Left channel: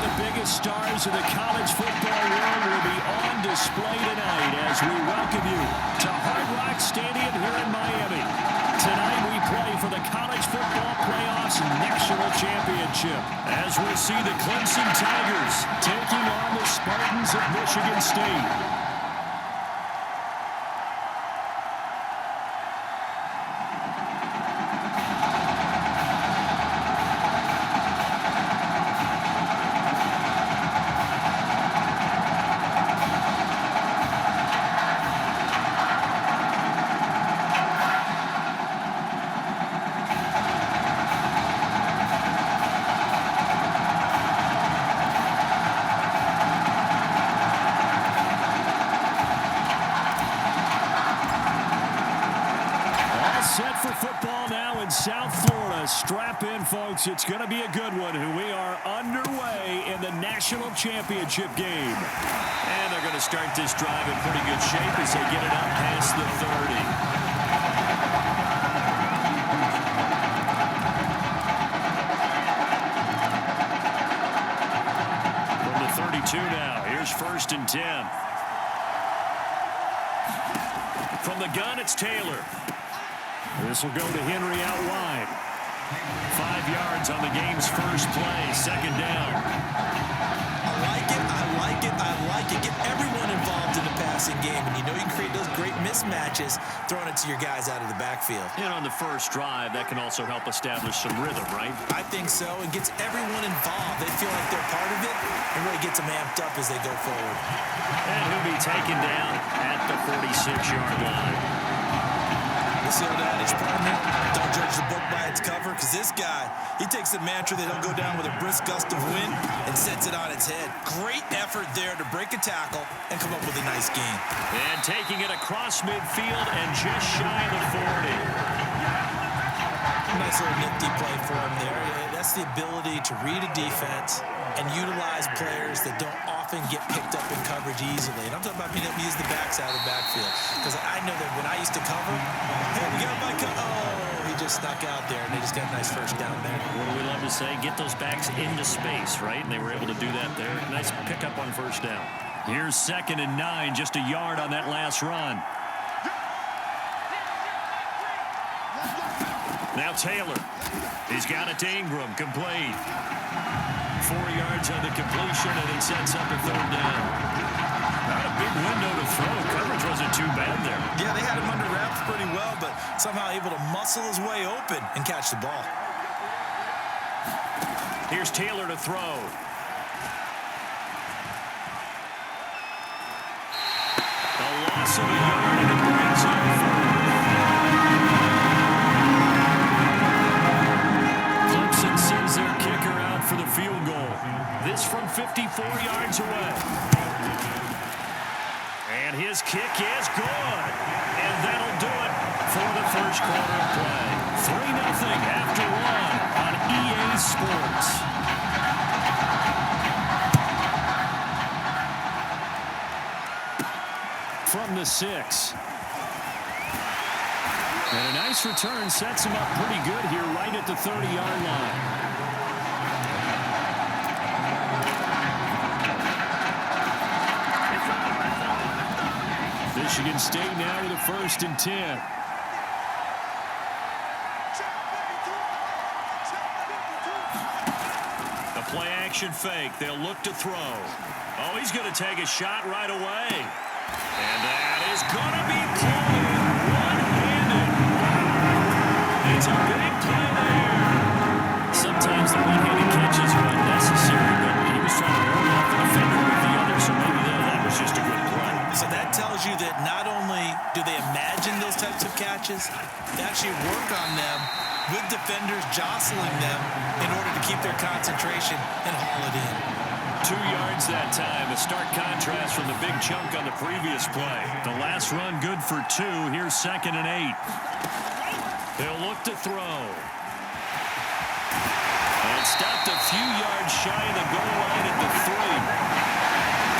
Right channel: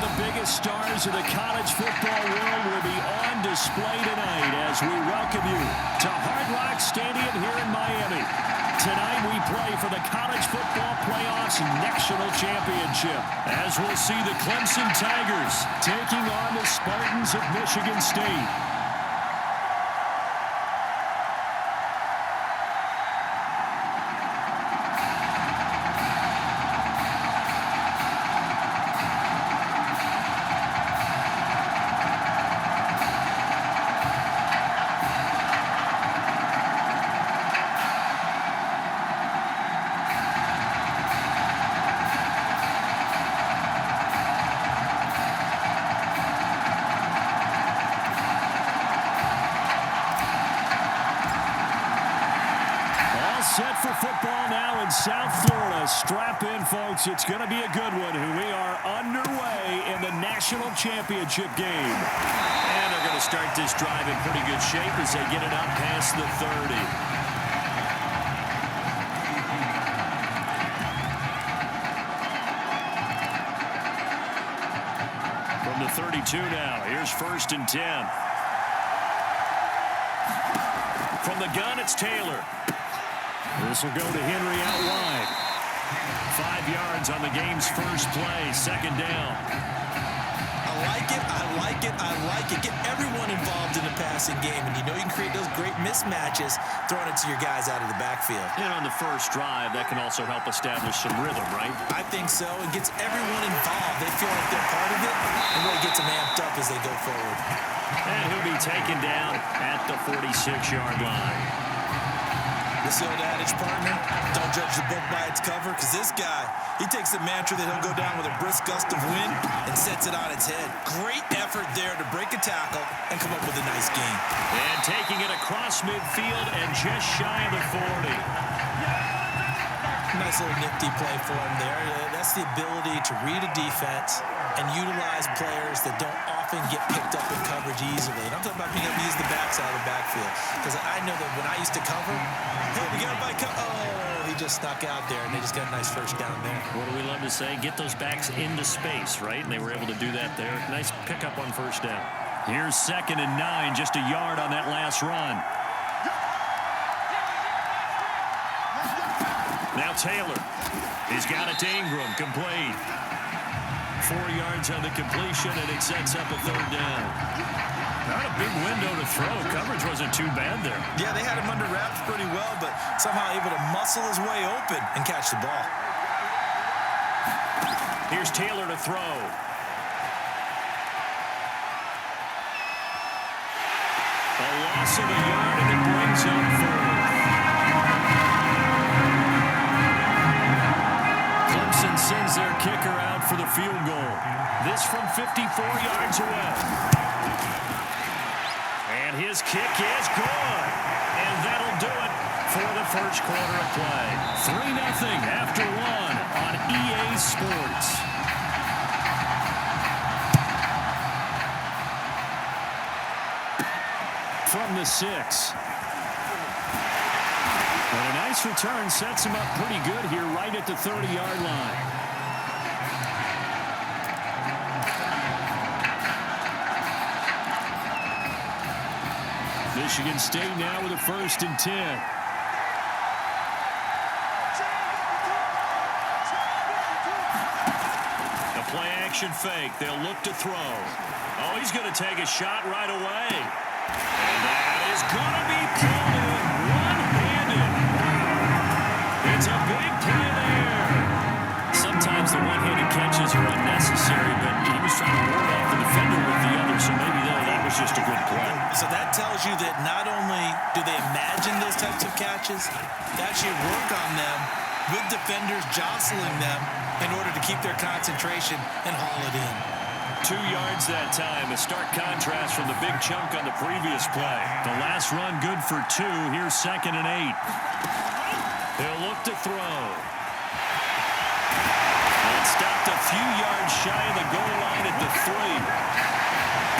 of the biggest stars of the college football world will be on display tonight as we welcome you to Hard Rock Stadium here in Miami. Tonight we play for the College Football Playoffs National Championship, as we'll see the Clemson Tigers taking on the Spartans of Michigan State. Set for football now in South Florida. Strap in, folks. It's going to be a good one. We are underway in the national championship game. And they're going to start this drive in pretty good shape as they get it up past the 30. From the 32 now, here's 1st and 10. From the gun, it's Taylor. This will go to Henry out wide. 5 yards on the game's first play, 2nd down. I like it, I like it, I like it. Get everyone involved in the passing game, and you know you can create those great mismatches throwing it to your guys out of the backfield. And on the first drive, that can also help establish some rhythm, right? I think so, and gets everyone involved. They feel like they're part of it, and really gets them amped up as they go forward. And he'll be taken down at the 46-yard line. This the old adage, partner, don't judge the book by its cover, because this guy, he takes the mantra that he'll go down with a brisk gust of wind and sets it on its head. Great effort there to break a tackle and come up with a nice gain. And taking it across midfield and just shy of the 40. Nice little nifty play for him there. That's the ability to read a defense and utilize players that don't often get picked up in coverage easily. And I'm talking about being able to use the backs out of the backfield. Because I know that when I used to cover, hey, we got my oh, he just snuck out there, and they just got a nice first down there. What do we love to say? Get those backs into space, right? And they were able to do that there. Nice pickup on first down. Here's 2nd and 9, just a yard on that last run. Now Taylor. He's got it to Ingram, complete. 4 yards on the completion, and it sets up a 3rd down. Not a big window to throw. Coverage wasn't too bad there. Yeah, they had him under wraps pretty well, but somehow able to muscle his way open and catch the ball. Here's Taylor to throw. A loss of a yard, and it brings up 4th. Clemson sends their kicker out for the field goal. This from 54 yards away. And his kick is good. And that'll do it for the first quarter of play. 3-0 after 1 on EA Sports. From the 6. And a nice return sets him up pretty good here right at the 30-yard line. Michigan State now with a 1st and 10. A play-action fake. They'll look to throw. Oh, he's going to take a shot right away. And that is going to be pulled in one-handed. Wow. It's a big play there. Sometimes the one-handed catches are unnecessary, but he was trying to ward off the defender with the other, so maybe that was just a good play. So that tells you that not only do they imagine those types of catches, they actually work on them with defenders jostling them in order to keep their concentration and haul it in. 2 yards that time, a stark contrast from the big chunk on the previous play. The last run good for 2. Here's 2nd and 8. They'll look to throw. And stopped a few yards shy of the goal line at the 3.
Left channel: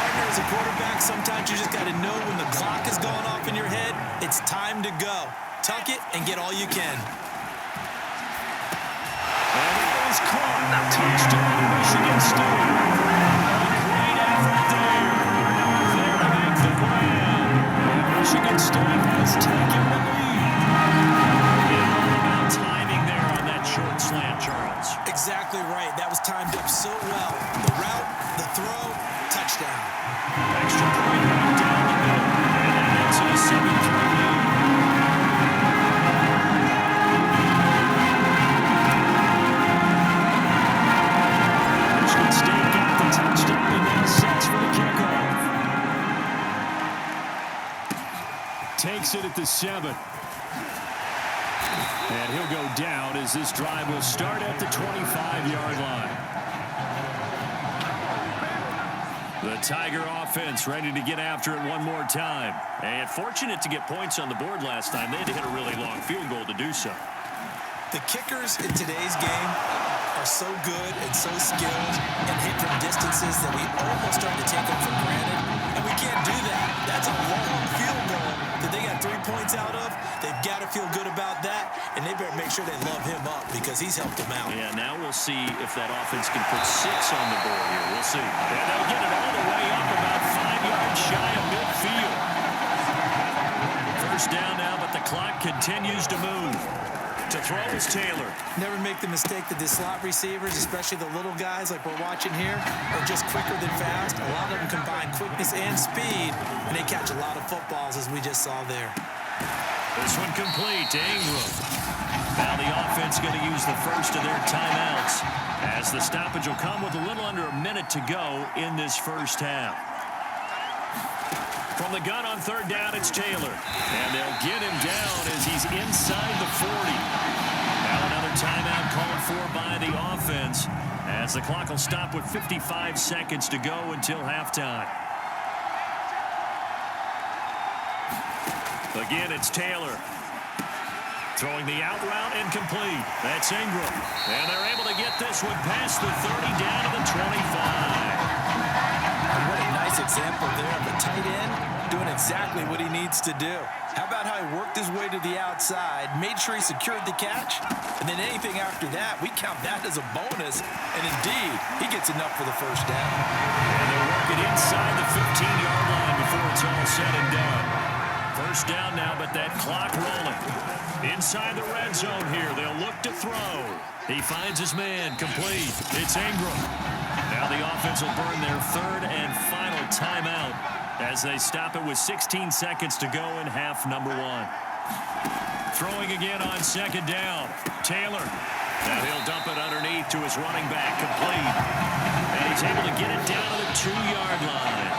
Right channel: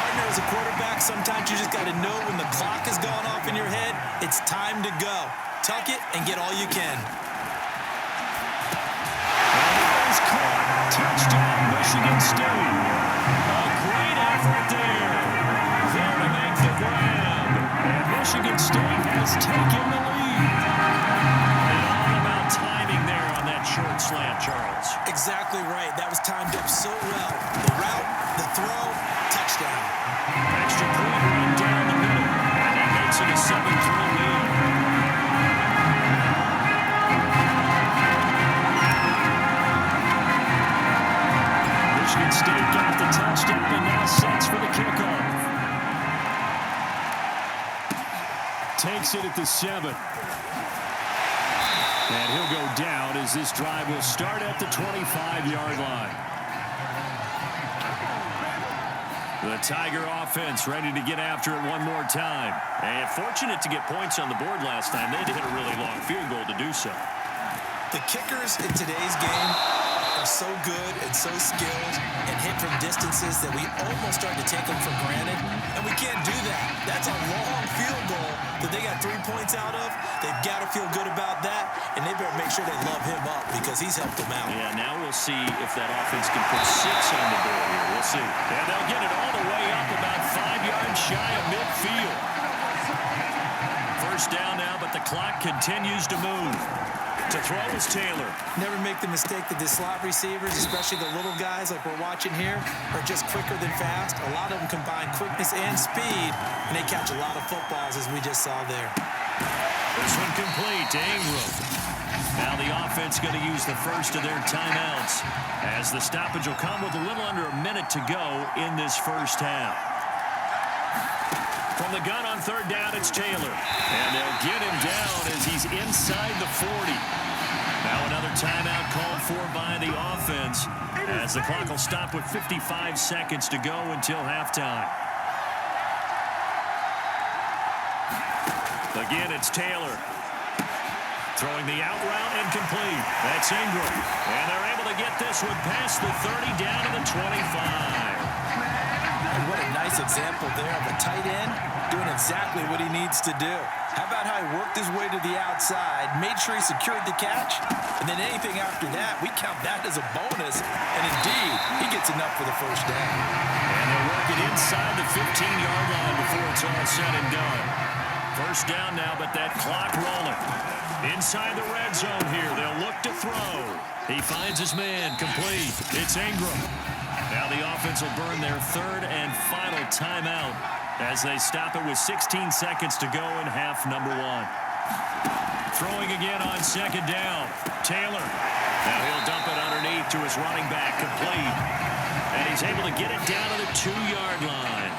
Partner, as a quarterback, sometimes you just got to know when the clock is going off in your head, it's time to go. Tuck it and get all you can. And it is caught. Touchdown, Michigan State. right there. There to make the grab. And Michigan State has taken the lead. And all about timing there on that short slant, Charles. Exactly right. That was timed up so well. The route, the throw, touchdown. Extra point right down the middle. And that makes it a 7-3 lead. Michigan State got the touchdown and now sets for the kickoff. Takes it at the 7. And he'll go down as this drive will start at the 25-yard line. The Tiger offense ready to get after it one more time. And fortunate to get points on the board last time. They had to hit a really long field goal to do so. The kickers in today's game are so good and so skilled and hit from distances that we almost start to take them for granted, and we can't do that. That's a long field goal that they got 3 points out of. They've got to feel good about that, and they better make sure they love him up because he's helped them out. Yeah, now we'll see if that offense can put 6 on the board here. We'll see. And they'll get it all the way up about 5 yards shy of midfield. First down now, but the clock continues to move. To throw is Taylor. Never make the mistake that the slot receivers, especially the little guys like we're watching here, are just quicker than fast. A lot of them combine quickness and speed, and they catch a lot of footballs, as we just saw there. This one complete to Ingram. Now the offense going to use the first of their timeouts, as the stoppage will come with a little under a minute to go in this first half. From the gun on third down, it's Taylor. And they'll get him down as he's inside the 40. Now another timeout called for by the offense, as the clock will stop with 55 seconds to go until halftime. Again, it's Taylor. Throwing the out route incomplete. That's Ingram. And they're able to get this one past the 30 down to the 25. And what a nice example there of a tight end doing exactly what he needs to do. How about how he worked his way to the outside, made sure he secured the catch, and then anything after that, we count that as a bonus. And indeed, he gets enough for the first down. And they'll work it inside the 15-yard line before it's all said and done. First down now, but that clock rolling. Inside the red zone here, they'll look to throw. He finds his man, complete. It's Ingram. Now the offense will burn their third and final timeout as they stop it with 16 seconds to go in half number 1. Throwing again on second down. Taylor. Now he'll dump it underneath to his running back, complete. And he's able to get it down to the 2-yard line.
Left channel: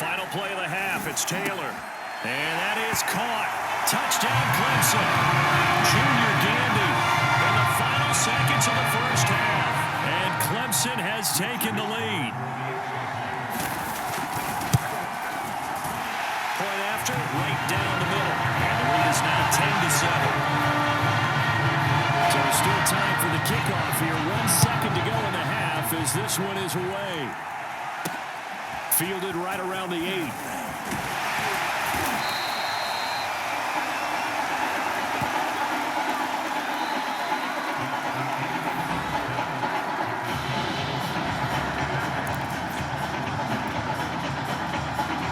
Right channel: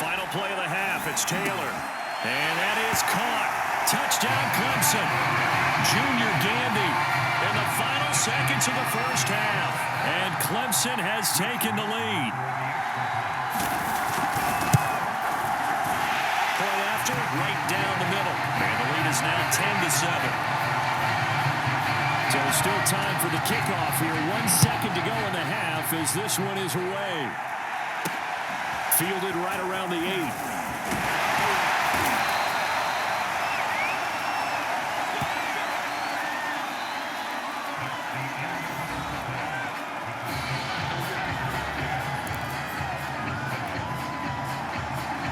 Final play of the half, it's Taylor. And that is caught. Touchdown Clemson. Junior Gandy in the final seconds of the first half. And Clemson has taken the lead. Point after, right down the middle. And the lead is now 10-7. So still time for the kickoff here. 1 second to go in the half as this one is away. Fielded right around the 8.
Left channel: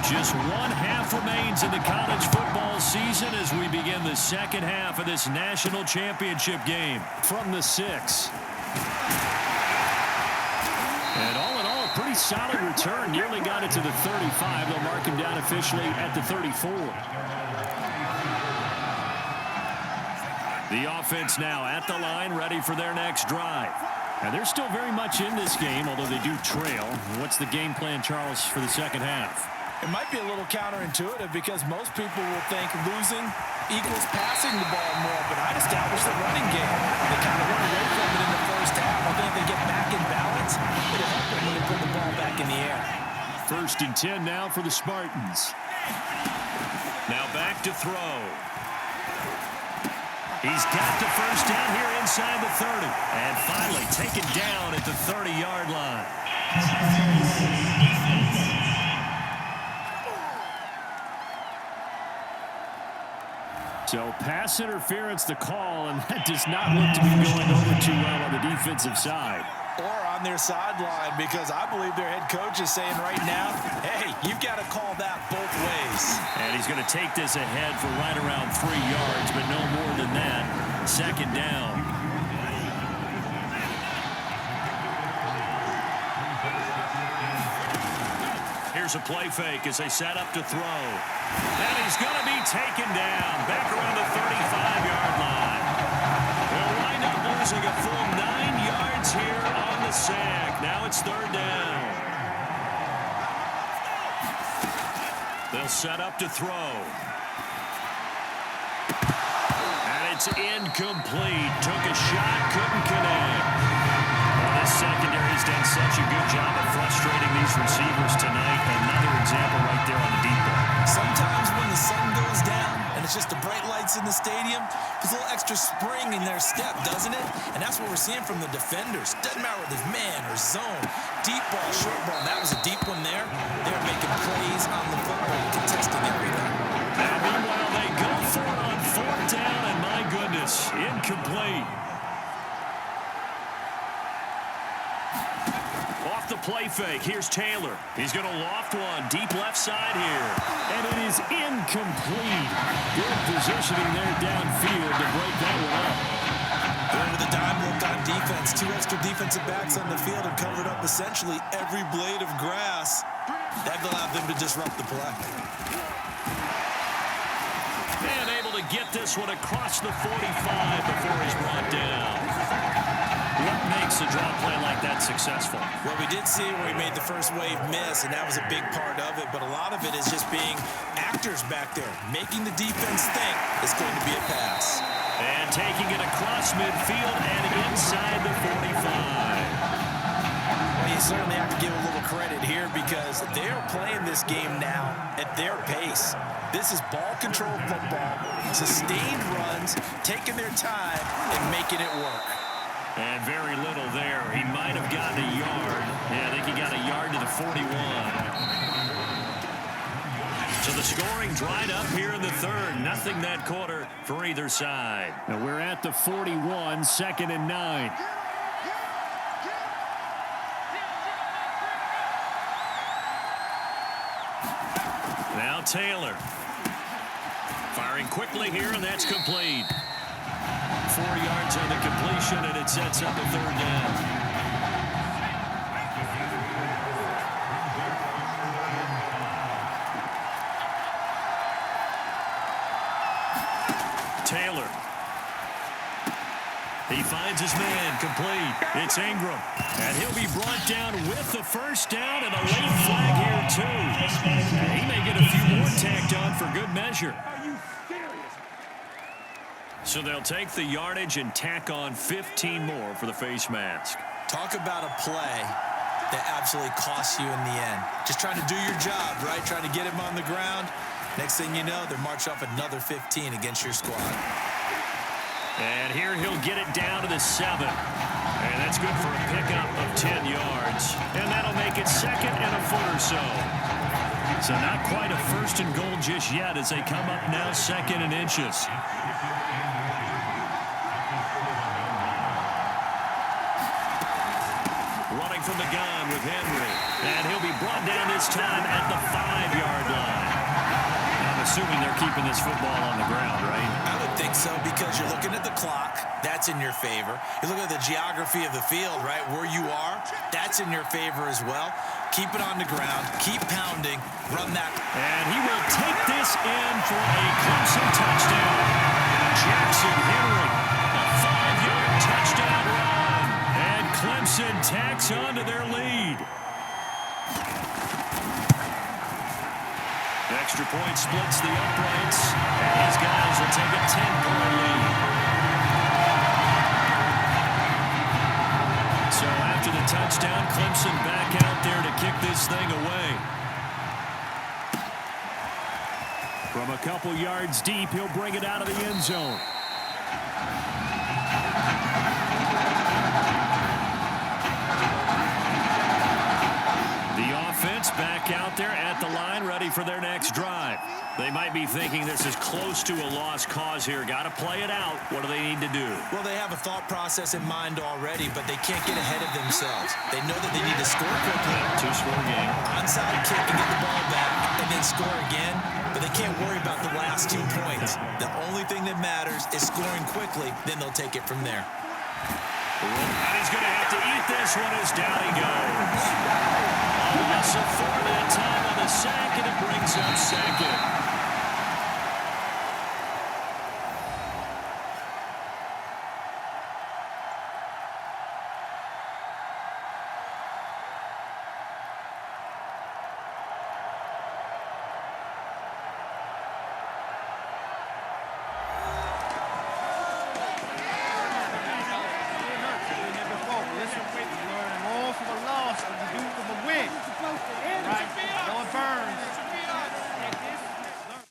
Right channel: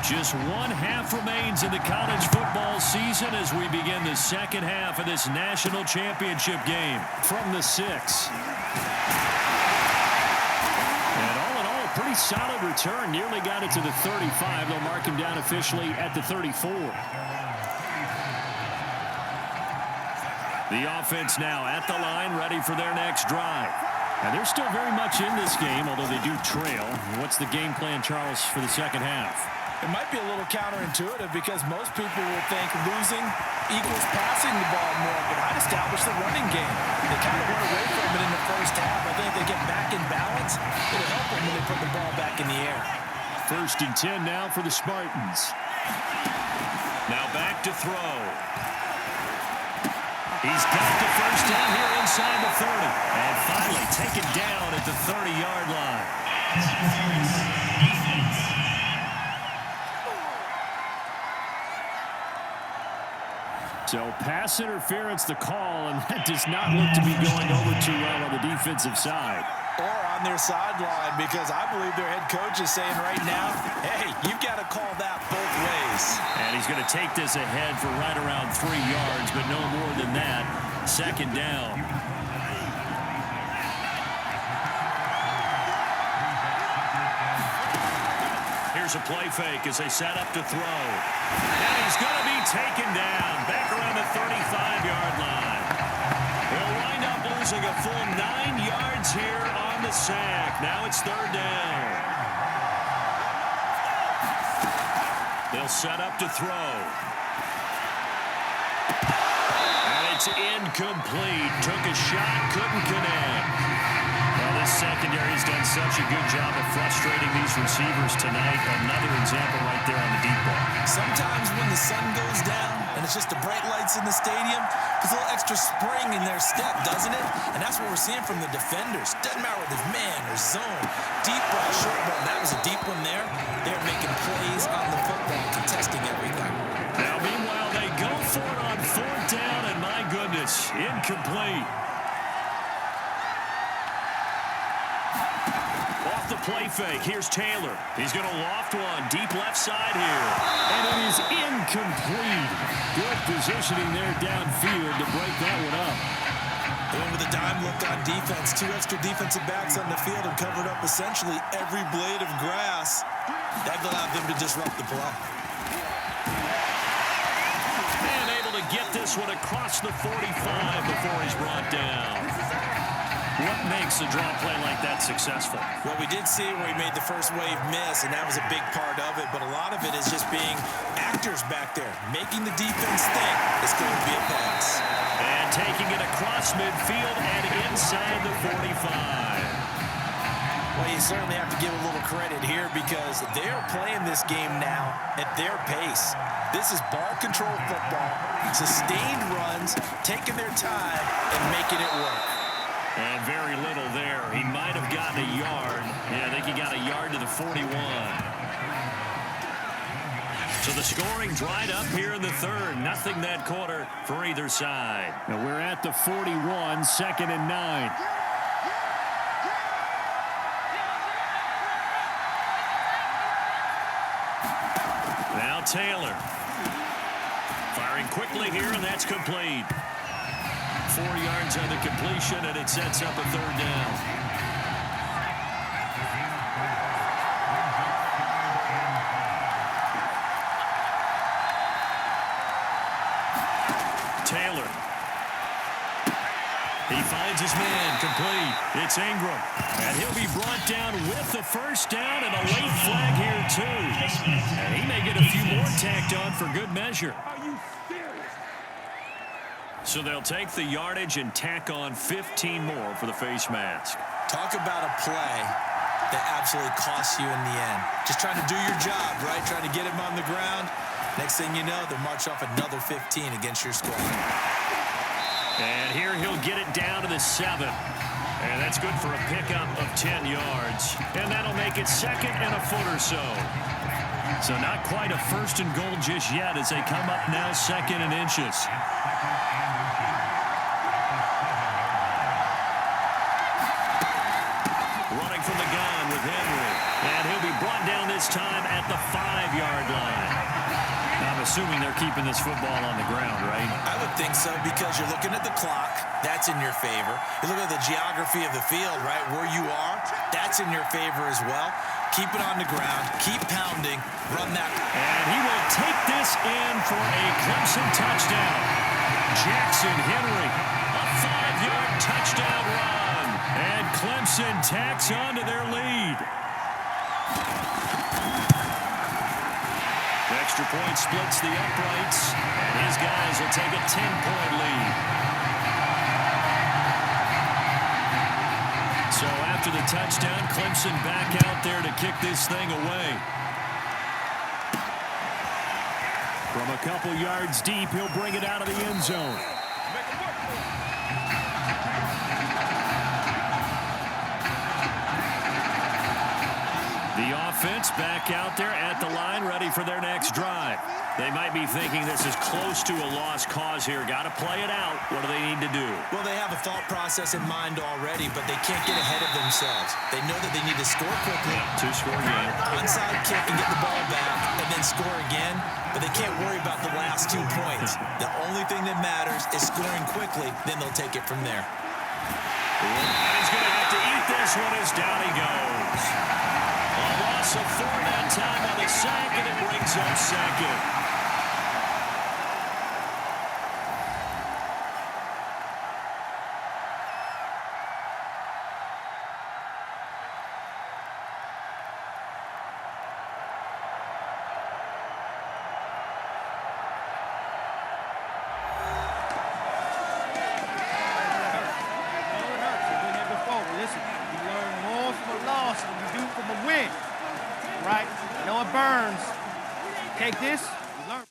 Just 1 half remains in the college football season as we begin the second half of this national championship game from the 6. And all in all, a pretty solid return. Nearly got it to the 35. They'll mark him down officially at the 34. The offense now at the line, ready for their next drive. And they're still very much in this game, although they do trail. What's the game plan, Charles, for the second half? It might be a little counterintuitive because most people will think losing equals passing the ball more, but I'd establish the running game. They kind of went away from it in the first half. I think they get back in balance. It'll help them when they put the ball back in the air. 1st and 10 now for the Spartans. Now back to throw. He's got the first down here inside the 30. And finally taken down at the 30-yard line. So pass interference the call, and that does not look to be going over too well on the defensive side. Or on their sideline, because I believe their head coach is saying right now, hey, you've got to call that both ways. And he's going to take this ahead for right around 3 yards, but no more than that. Second down. Here's a play fake as they set up to throw. And he's going to be taken down back around the 35-yard line. They'll wind up losing a full 9 yards here on the sack. Now it's third down. They'll set up to throw. And it's incomplete. Took a shot, couldn't connect. Well, this secondary has done such a good job of frustrating these receivers tonight. Another example right there on the deep ball. Sometimes when the sun goes down and it's just the bright lights in the stadium, there's a little extra spring in their step, doesn't it? And that's what we're seeing from the defenders. Doesn't matter whether it's man or zone, deep ball, short ball. That was a deep one there. They're making plays on the football, contesting everything. Now, meanwhile, they go for it on fourth down, and my goodness, incomplete. Off the play fake, here's Taylor. He's going to loft one, deep left side here. And it is incomplete. Good positioning there downfield to break that one up. Going with a dime look on defense. 2 extra defensive backs on the field and covered up essentially every blade of grass. That allowed them to disrupt the play. And able to get this one across the 45 before he's brought down. What makes a draw play like that successful? Well, we did see where he made the first wave miss, and that was a big part of it. But a lot of it is just being actors back there, making the defense think it's going to be a pass. And taking it across midfield and inside the 45. Well, you certainly have to give a little credit here because they're playing this game now at their pace. This is ball control football, sustained runs, taking their time and making it work. And very little there. He might have gotten a yard. Yeah, I think he got a yard to the 41. So the scoring dried up here in the third. Nothing that quarter for either side. Now we're at the 41, 2nd and 9. Now Taylor. Firing quickly here, and that's complete. 4 yards on the completion, and it sets up a third down. Taylor. He finds his man, complete. It's Ingram, and he'll be brought down with the first down and a late flag here, too. And he may get a few more tacked on for good measure. So they'll take the yardage and tack on 15 more for the face mask. Talk about a play that absolutely costs you in the end. Just trying to do your job, right? Trying to get him on the ground. Next thing you know, they'll march off another 15 against your squad. And here he'll get it down to the 7. And that's good for a pickup of 10 yards. And that'll make it 2nd and a foot or so. So not quite a 1st and goal just yet as they come up now 2nd and inches. Running from the gun with Henry. And he'll be brought down this time at the 5-yard line. I'm assuming they're keeping this football on the ground, right? I would think so because you're looking at the clock. That's in your favor. You look at the geography of the field, right? Where you are, that's in your favor as well. Keep it on the ground. Keep pounding. Run that. And he will take this in for a Clemson touchdown. Jackson Henry, a 5-yard touchdown run. And Clemson tacks on to their lead. The extra point splits the uprights, and his guys will take a 10-point lead. So after the touchdown, Clemson back out there to kick this thing away. From a couple yards deep, he'll bring it out of the end zone. The offense back out there at the line, ready for their next drive. They might be thinking this is close to a lost cause here. Got to play it out. What do they need to do? Well, they have a thought process in mind already, but they can't get ahead of themselves. They know that they need to score quickly. Two-score game. Onside kick and get the ball back and then score again, but they can't worry about the last 2 points. The only thing that matters is scoring quickly, then they'll take it from there. And he's going to have to eat this one as down he goes. A loss of 4 that time on the sack, and it brings up second. Listen, you learn more from a loss than you do from a win. Right? I know it burns. Take this, you learn.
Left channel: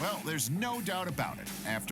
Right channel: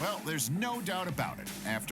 Well, there's no doubt about it. After